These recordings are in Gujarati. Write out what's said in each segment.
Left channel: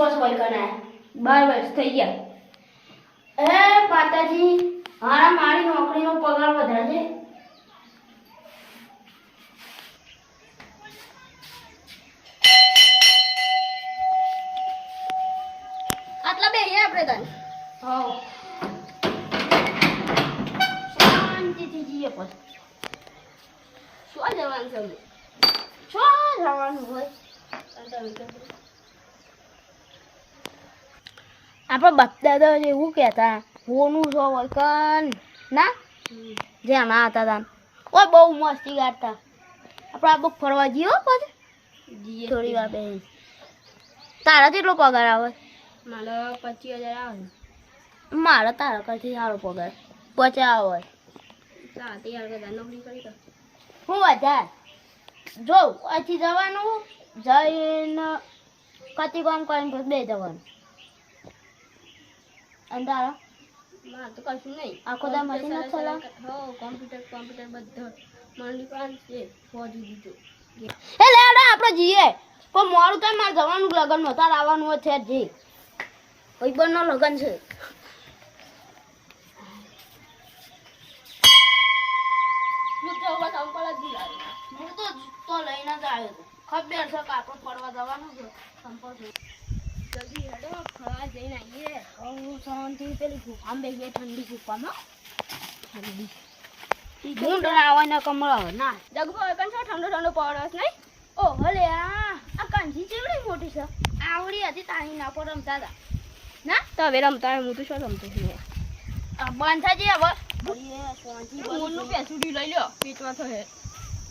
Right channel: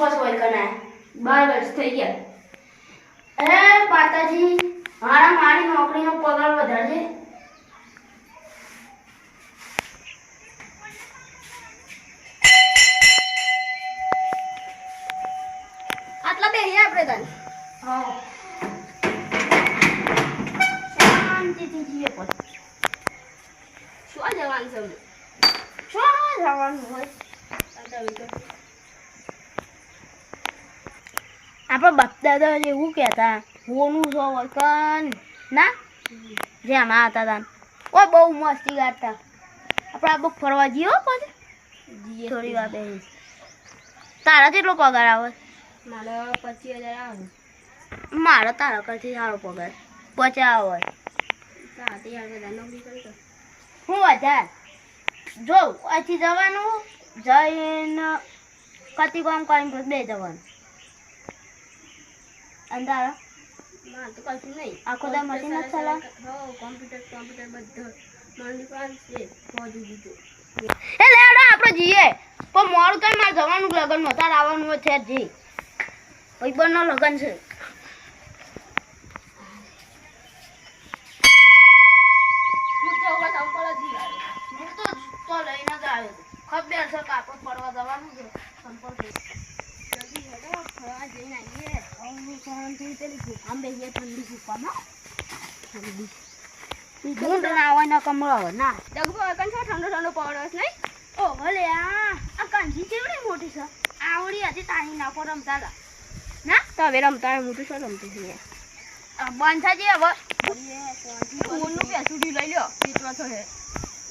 બસ હોય કના 12 વર્ષ થઈ ગયા. એ પાતાજી હારા મારી નોકરીનો પગાર વધારજે. આટલા બે આપણે તને હા શાંતિથી જઈએ પછી શું જવાનું છે? શું જવાનું હોય આપણે બપદાદા એવું કહેતા હોનું છો વળકન ના જ્યાં ના હતા તા ઓય બહુ મસ્તી ગાતા આપણે આ બુક ફરવા જઈએ હો પછી થોડી વાર બેસી. તારા કેટલો પગાર આવે? મારે 25,000 આવે. મારા તારા કરતી સારો પગાર 50 આવે. ત્યાં તૈયાર બધા નોકરી કરી તો હું વધાર જો અહીંથી જવાનું જઈને કતી કામ કરીને પછી બે જવાનું. અને તારા મારે તો કશું નહીં. આખો દા મશીન જ ચલાવ? હો કોમ્પ્યુટર બધું મારી દુકાન છે પહોંચી દીધું. એ લેડો આપણે જઈએ પણ મોડું થાય મારે જવાનું લગનમાં તાર આવવાનું હોય છે જી ભાઈબંધનો લગન છે. હું તો બસ અંકલ જ બોલાવે. હું તો લઈને જ આવ્યો હતો. ખબર છે કે આપણે ફરવા જવાનું છે સંપર્ક જલ્દી હેડો ફરવા જઈને આવીએ. શાંતિ પેલી ગુફામાં બેસીએ ઠંડી ગુફામાં ઠંડી ગુંડ ના આવે ને કમળો આવે ના જગભો એકન છો ઠંડો ઠંડો પડે છે નહીં? ઓ ભલે આ કાંજી કેવડી મોટી છે આવડી હતી તાણી ના પર રમતા હતા ના તો હવે રમતા હું તો શું રમતો છું બાંધાજી હવે ફોનનું પેસુડી લઈ લ્યો પીટવા તો હે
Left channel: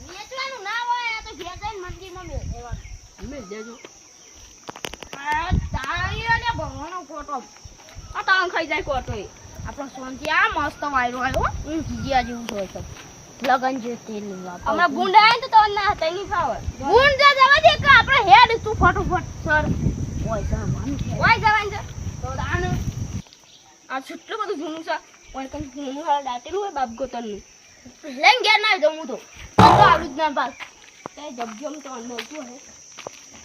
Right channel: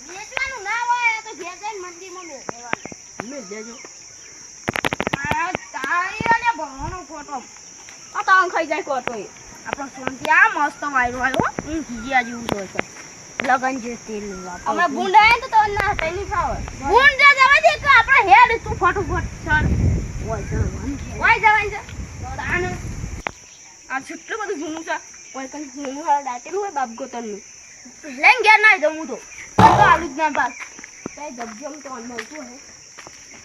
વેચવાનું ના હોય આ તો ઘેર જઈને મંદિરમાં બેસવાનું મેં દેજો તારી અને ભણવાનો ફોટો આ તાણ ખાઈ જાય કોટો એ આપણો શાંતિ આ મસ્ત વાયરો આવ્યો જીજિયા જેવું છે લગન જે તેલ હમણાં ગુંડ આવે તો ના હતા નહીં ફાવે ગુંડ જવા દે કે આપણે હેડ તું ફટોફટ સર ઓય જવાનું ઓય જવાય છે તો તાણે આ કેટલું બધું જૂનું છે ઓય કન જૂનું હાલ દાટેલું હોય બાપ ગોતરનું લઈને ઘેર ના જવું તો આવું જ ના પાસ કઈ જગ્યામાં તો મળતું હે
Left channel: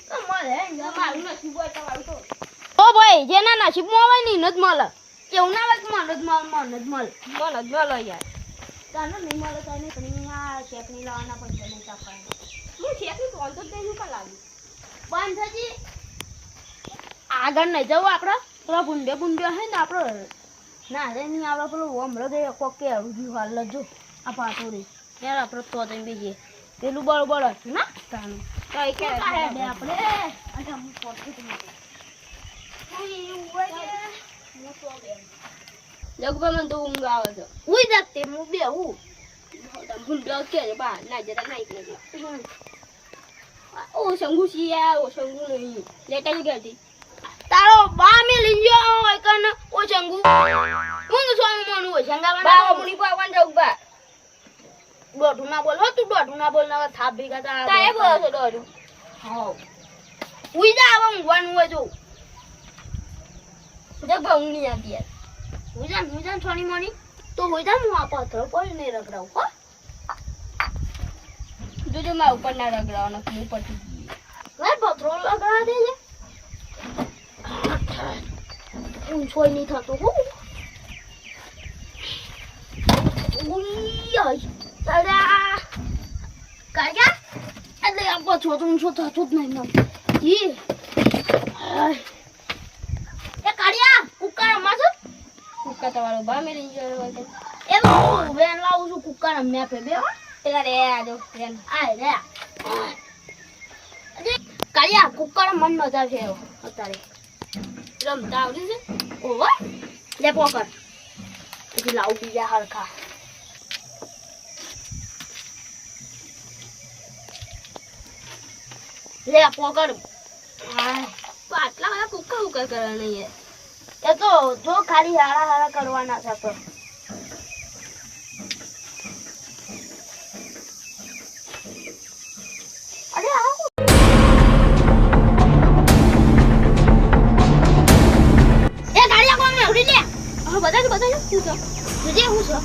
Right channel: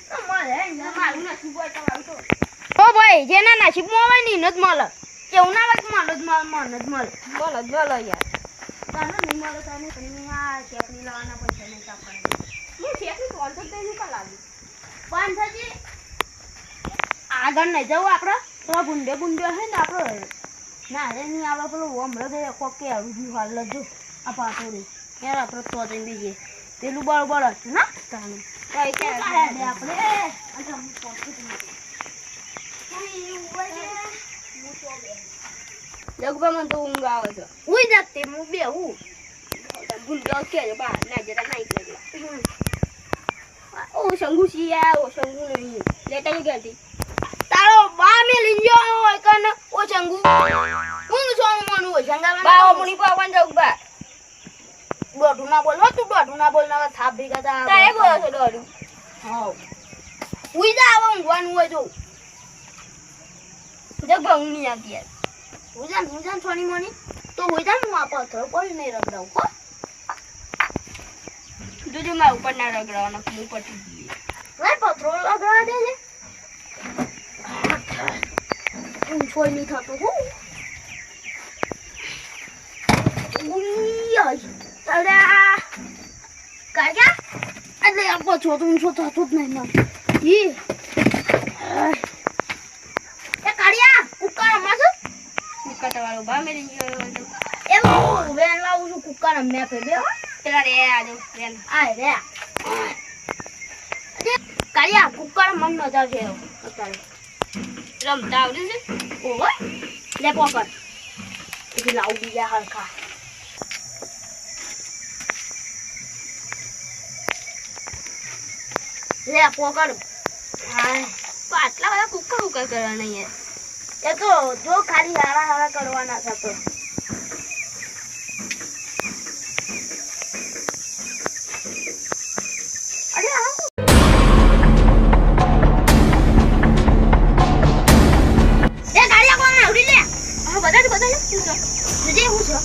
તો મળે મારું ના શું હોય તમારું તો ઓ ભાઈ જેના નસીબમાં આવે ને જ મળે કેવું ના હોય મન જ મળે બોલો યાર તને નહીં મળે તને પણ આ શેકની લાવવાના પૈસા નહીં કાપવાના હું શેકની કોલ તો તેનું કા લાગ્યું બાંધાજી આગળ નહીં જવું આપણે તો ગુંડે હે ને આપણે ના રે નહીં આપણે પેલું હમણાં કોક કે રૂજુ હાલ લજો આ પાટોડી યાર આપણે તો જઈને બીજે પેલું બળ હતું ને તાનું કઈ કે આપણે અચ્છા હું પોતું જગભા મને તો ઊંઘ આવે છે ઉઈ જાતે હું બે હું ગુંડ કે બા ના જરા ના એટલે ઓ શંગુ સિયા ઓ શંગુ નહીં લેટા ગઈ તારો બા મે લઈ ગયો હોય કને ઓ ચંગુ ઊંઘ સોનું મન હોય સંગાવા બા મુની પાવન જગભા દોઢું ના બોલ હો તું દોઢું ના બોલ ના થાપ ભેગા તા કાય બોલો છો દોડું હા ઉઈ જા આવ ઊંઘવાનું હોય જો જગભા ઊંઘ નહીં આવતી યાર હું જાન થોડી મોની તો હોય જા હું આ પથ્થર કોઈ નહીં રગડાવ હો જોજે મારા ઉપર ના રગડાવવાનો હું પટી ગઈ ભાઈ પથ્થર લગાવા દેજે હું છોઈ નહીં થતો હો ઉઈ આય તારા કાયા એટલે આપો છો તું છો થતો જ નહીં ઈ એ કાળિયા કુક્કા રમાજો કુકા તમારો બા મેરે ગયો તો એવું વેન લાવું છું કુક્કા રમ્યા ફે બે હો પેલા રે આજો રેન આય રે અરે કાળિયા કુક્કા મન મજા છે અત્યારે રમતા આવડે છે ઓહો લે પોકર એ લાવ બીજા હરખા લે પોકર હાય તો આટલા બધા કુકા કરવાના યાર એ તો જો ખાલી હારા કરવાના છે તો અરે આવો એ ગાડિયા કોણ ઉડી લે હા બધા શું છે જજે હું છો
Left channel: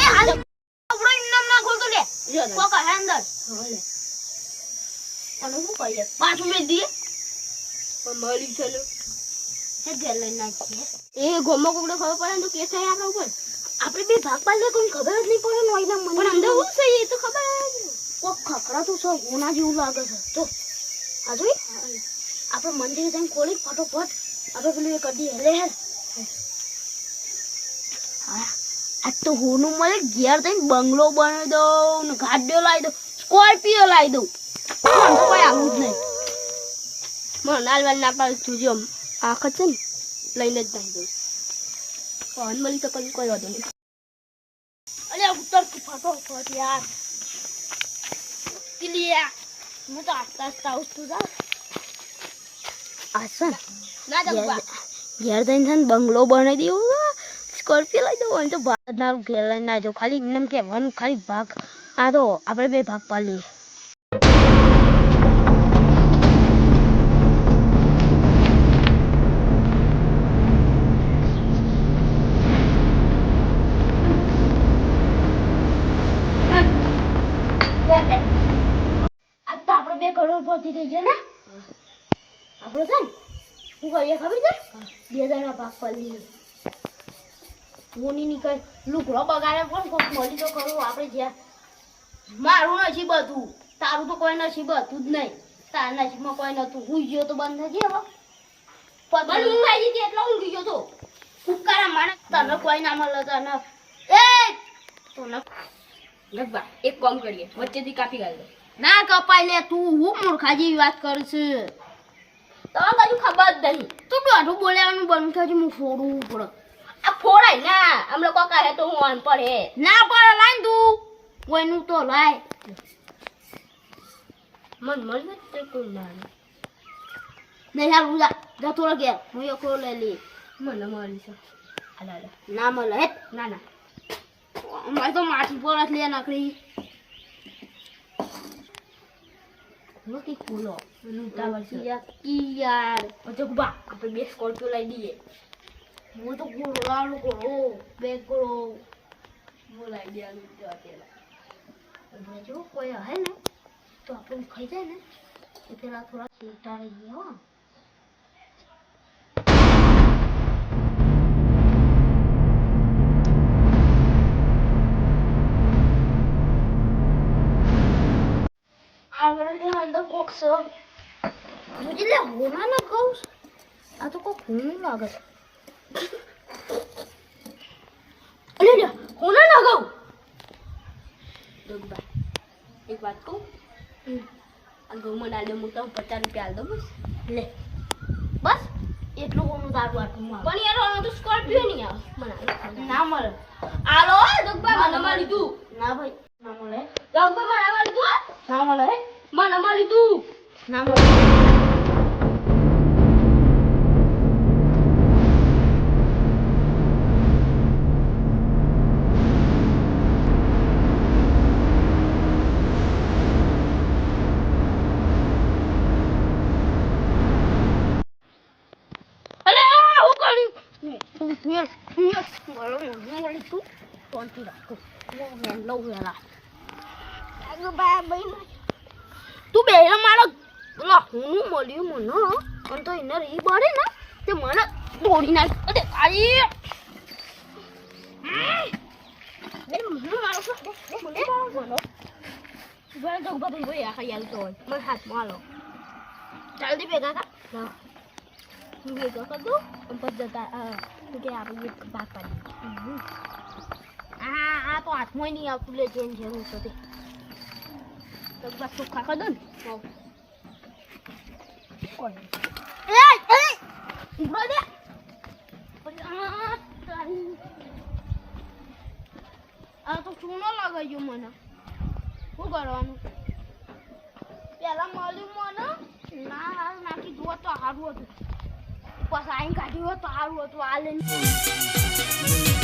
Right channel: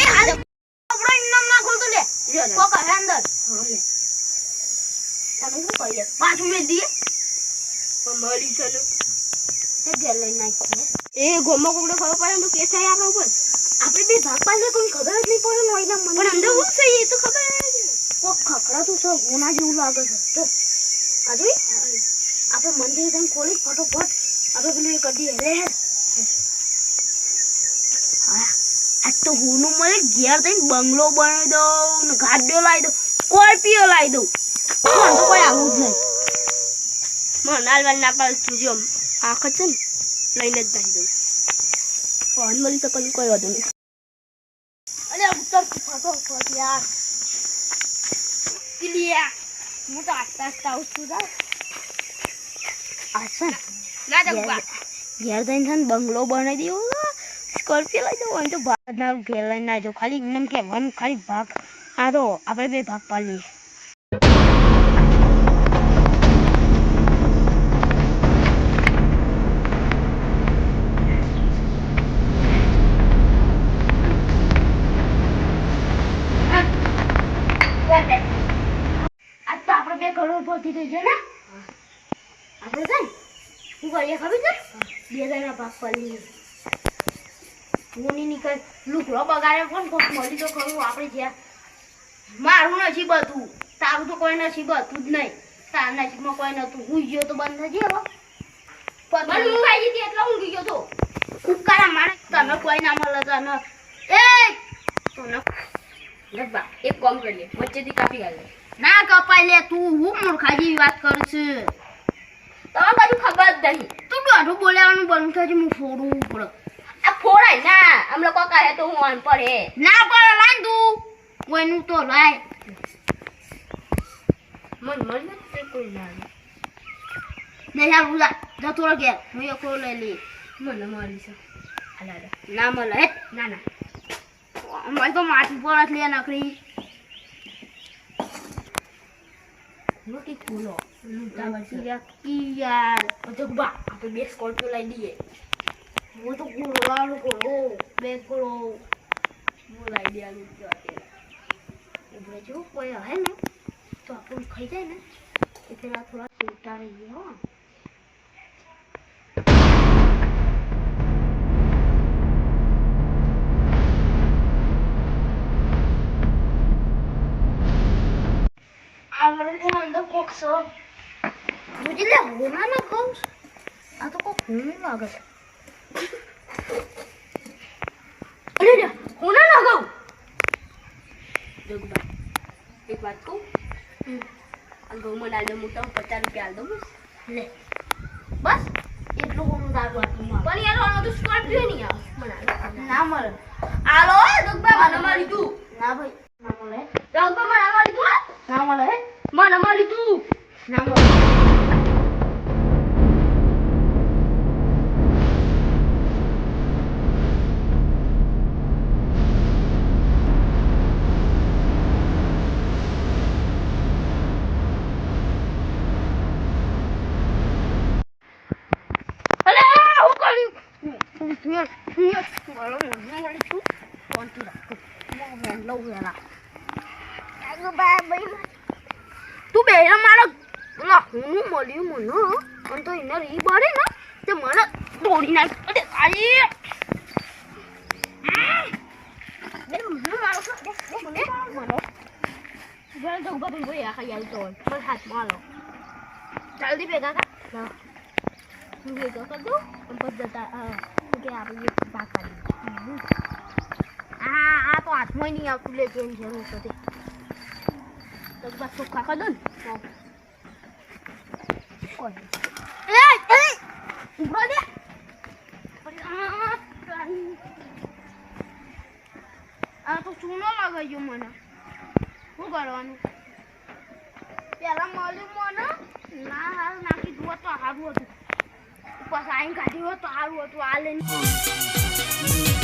એ હાલ આપણો ઇનામ ના ખોલતો લે પોકર અંદર હા લે અને શું કહીએ પાછું મેં દીએ પણ મળી છે ને એ ઘેર લઈને નાખીએ એ ગોમાં કોકને ખબર પડે ને તો કેસ થાય આપણા ઉપર આપણે બે ભાગ પાડીએ કોઈ ખબર જ નહીં પડે નોઈના મને પણ અંદર શું છે એ તો ખબર છે કોક ખખડાતું છે હોના જેવું લાગે છે તો આ જોઈ આપણે મંદિર જઈને ખોલી ફટોફટ આપણે પેલું એ કરી દઈએ લે હા આજ તો હોનું મળે ઘેર જઈને બંગલો બનાવી દઉં ને ગાડીઓ લાવી દઉં સ્કોર્પિયો લાવી દઉં કોઈ આવું જ નહીં મને નાલવાલ ના પાડે તું જો આંખ છે ને લઈને જ નાખી દઉં ફોન મળી તો કોઈ વાંધો નહીં અરે ઉત્તર ફટોફટ યાર ક્લિયર હું તો આસ્તા આવું છું યાર અસન ના દઉં ઘેર જઈને છે ને બંગલો બનાવી દેવો સ્કોર્પિયો લઈ દઉં અહીં તો ભાગનારું ઘેર લઈને ના જાઉં ખાલી એમને કહેવાનું ખાલી ભાગ આ તો આપણે બે ભાગ પાડીએ આજ તો આપણે બે કરોડ પહોંચી થઈ છે ને આપણે છે ને શું કરીએ ખબર છે બે જણા ભાગ પાડીએ મોની નીકળ લુકડો બગાડે પણ કોક મળી તો ખરું આપણે જ્યાં મારું નસીબ હતું તારું તો કોઈ નસીબ હતું જ નહીં તારા નસીબમાં કોઈ નતું હું ગયો તો બંધ થઈ ગયો પણ ઊંઘ આવી હતી એટલે ઊંઘી ગયો તો ઉકારા માણે તને કોઈ ના મળે તને એ તને લગભગ એક કામ કરીએ વચ્ચેથી કાપી કાઢીએ ના કપાઈ લે તું હું મૂર્ખા જેવી વાત કરું છું તમને કશું ખબર જ નહીં તું દોઢું બોલાવાનું બંધ થશે હું છોડવું પડે આ ફોડાય ના આમ લોકો કહે તો હું અનપઢ હે ના પડે લાય તું કોઈનું તો લાય મન મળ્યું તે કોઈ ના નહીં યાર ઉલા જતો રહે ઘેર હું એકલો લઈ લઈએ મને મારી છે હાલા ના મળે હે ના ના અમારે તો માછી પર જ લે નકરી નથી ખુલ્લો ઉતાવળ છે યાર તો બા આપણે બે સ્કોર્પિયો લઈ દઈએ હું તો બોલાવાનું કરો બે કરો હું લઈ દેવાનું તો અત્યારે ઉભરે જો કોઈ હે ને તો આપણે ખાઈ જાય ને એ પેલા થોડા ચૂંટા રહી ગયા હો આવડે અંદર કોક સો જોજી લે હોના ના કહું આ તો કોક હું લાગે છે અરે લે હોના ના કહું જગબા એક વાત કહું આ ઘઉંમાં ડાલે મોટા 50 રૂપિયા આલ દો બસ લે બસ એટલું હોનું તારું આટલું મારું પણ યાર આનો તો સ્કોર્પિયો નહીં આવે મને ના મળે આલો જગબા મને મળી તું ના ભાઈ ના મળે જગબા મને મળી તું ના મળે મને મળી તું ના મળે તું બે મારો હું મળ્યું મને અને તો એને રહી બળે ને તે મને દોડી નાખ અરે આઈ બે મને મારો મને જરા તો ઉભા થઈ ગયા ખાઈ આલ તો બસ હાથમાં આલો જલ્દી ભેગા કર ભેગા કર દો અને પછી જતા કે આપણે ભાગ કાઢી આ તો હાથમાં નહીં આવતું લે જેમ જરૂર છે તે તો બસ ચોખ્ખા કર દો ને કોઈ ઉભો દે આ તો ચૂનો લાગે છે મને શું કરવાનું પેલા મળ્યું મને ના હારું નાખી દો તો સારું હતું પછી આઈને કાઢ્યું હોત તો સારું હતું આ લઈને